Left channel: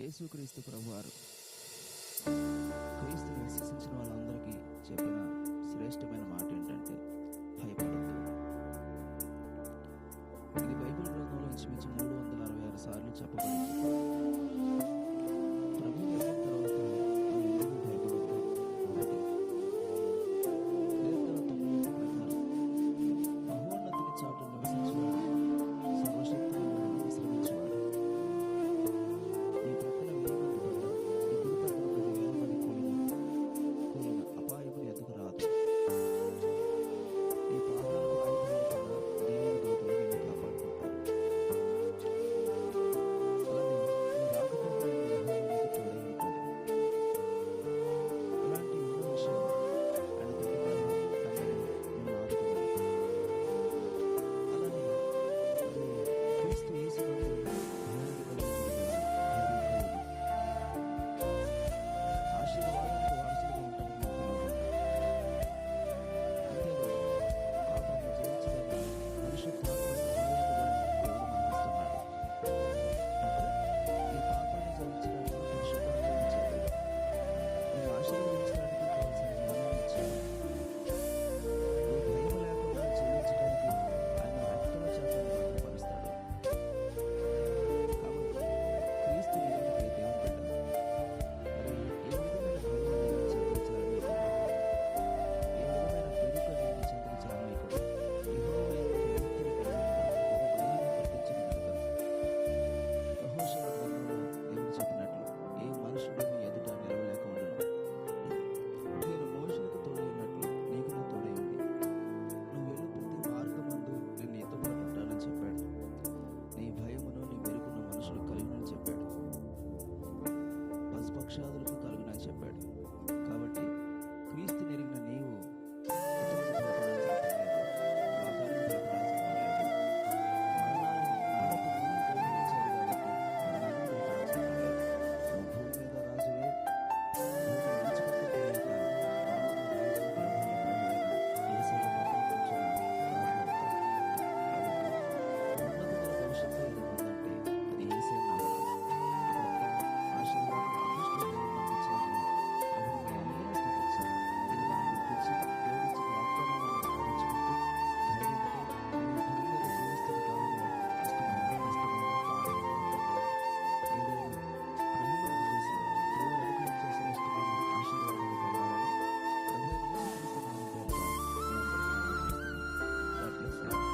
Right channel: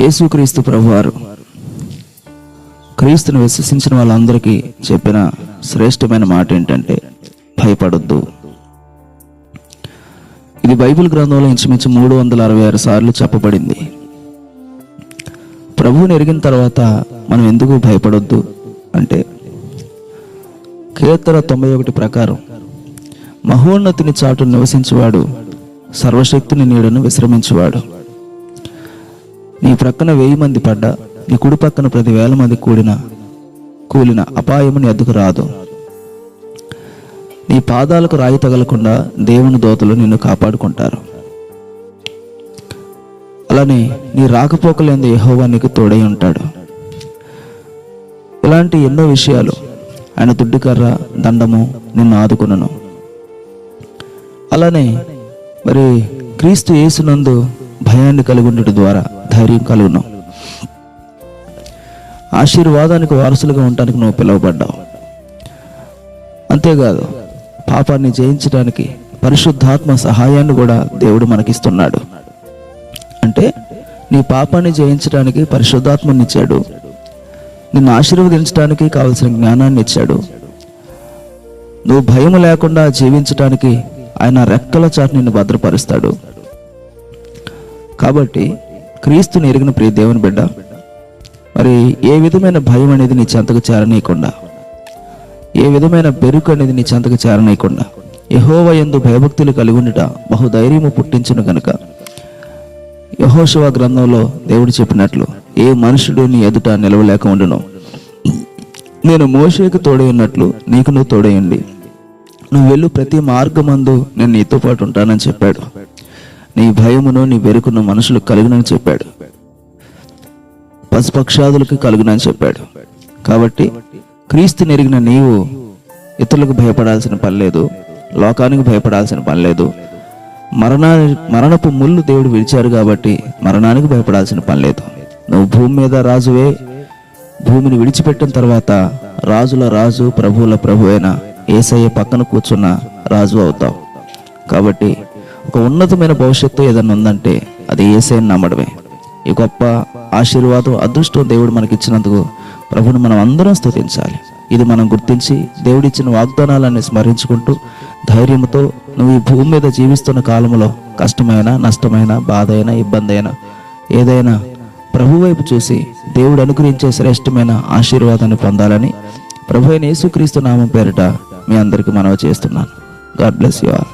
యేసుక్రీస్తు ప్రభువారు క్రీస్తుని విశ్వసించిన వాళ్ళందరికీ చెప్పిన శ్రేష్టమైన మాట ఏంటంటే భయపడొద్దు. ఇది బైబిల్ గ్రంథంలో ఇంచుమించు 366 సార్లు చెప్పబడింది. ప్రభువుని ఎరిగిన తర్వాత మనం ఎందుకు భయపడొద్దు అంటే, కీర్తన 91 ప్రకారం మహోన్నతిని చాటు నివసించువాడు సర్వశక్తిని నీడను విశ్రమించువాడు. నీ ప్రక్కన 1000 మంది పడ్డా, నీ కుడి పక్కన 10,000 మంది కూలిన అపాయము నీ అద్దుకు రాదు. నీ పాదాలకు రాయి తగలకుండా దేవుని దూతలు నిన్ను కాపాడుకుంటారు. అలానే నీ రాకపోకలేందు యెహోవా నీకు తోడై ఉంటాడు. ఇలాంటి ఎన్నో విషయాలు, ఆయన దుడ్డుకర్ర దండము నిన్ను ఆదుకును. అలానే మరి క్రీస్తు యేసునందు భయాన్ని కలిగి ఉండటం ద్వారా ధైర్యం కలుగును. ఆశీర్వాదానికి వారసులుగా ఉండటానికి నువ్వు పిలువబడ్డావు. అంతేకాదు, పాపాన్ని జయించడానికి పరిశుద్ధాత్మ సహాయాన్ని కూడా దేవుడు మనకిస్తున్నాడు. అంటే నీ పాపాన్ని జయించడానికి పరిశుద్ధాత్మని ఇచ్చాడు, నిన్ను ఆశీర్వదించడానికి కావలసిన జ్ఞానాన్ని ఇచ్చాడు. నువ్వు భయం లేకుండా జీవించడానికి ఆయన రెక్కల చాటు నిన్ను భద్రపరుస్తాడు. కాబట్టి క్రీస్తుని ఎరిగిన ప్రియ దేవుని బిడ్డ, మరి ఏ విధమైన భయం అనేది నీ చెంతకు చేరనీయకుండా, ఏ విధమైన బెరుకు అనేది నీ చెంతకు చేరనీయకుండా యెహోవా యందు భయభక్తులు కలిగి ఉండుట బహుధైర్యము పుట్టించును గనుక, యెహోషువ గ్రంథంలో దేవుడు చెప్పినట్లు, ఏ మనుషుడు నీ ఎదుట నిలవలేక ఉండును. నేను మోషేకు తోడై ఉన్నట్లు నీకు నువ్వు తోడైండి. నువ్వు వెళ్ళు ప్రతి మార్గమందు నేను నీతో పాటు ఉంటానని చెప్పాడు. నీ భయమును నీ వెరుకును మనుషులకు కలుగునని చెప్పాడు, పశుపక్షాదులకు కలుగునని చెప్పాడు. కాబట్టి క్రీస్తుని ఎరిగిన నీవు ఇతరులకు భయపడాల్సిన పని లేదు, లోకానికి భయపడాల్సిన పని లేదు. మరణపు ముళ్ళు దేవుడు విడిచారు కాబట్టి మరణానికి భయపడాల్సిన పని లేదు. నువ్వు భూమి మీద రాజువే. భూమిని విడిచిపెట్టిన తర్వాత రాజుల రాజు ప్రభువుల ప్రభు అయిన యేసయ్య పక్కన కూర్చున్న రాజు అవుతావు. కాబట్టి ఒక ఉన్నతమైన భవిష్యత్తు ఏదైనా ఉందంటే అది యేసయ్యని నమ్మడమే. ఈ గొప్ప ఆశీర్వాదం, అదృష్టం దేవుడు మనకిచ్చినందుకు ప్రభుని మనం అందరం స్తుతించాలి. ఇది మనం గుర్తించి దేవుడిచ్చిన వాగ్దానాలన్నీ స్మరించుకుంటూ ధైర్యంతో నువ్వు ఈ భూమి మీద జీవిస్తున్న కాలంలో కష్టమైన, నష్టమైన, బాధ అయినా, ఇబ్బంది అయినా, ఏదైనా ప్రభు వైపు చూసి దేవుడు అనుగ్రహించే శ్రేష్టమైన ఆశీర్వాదాన్ని పొందాలని ప్రభు అయిన యేసుక్రీస్తు నామం పేరిట మీ అందరికీ మనవి చేస్తున్నాను. God bless you all.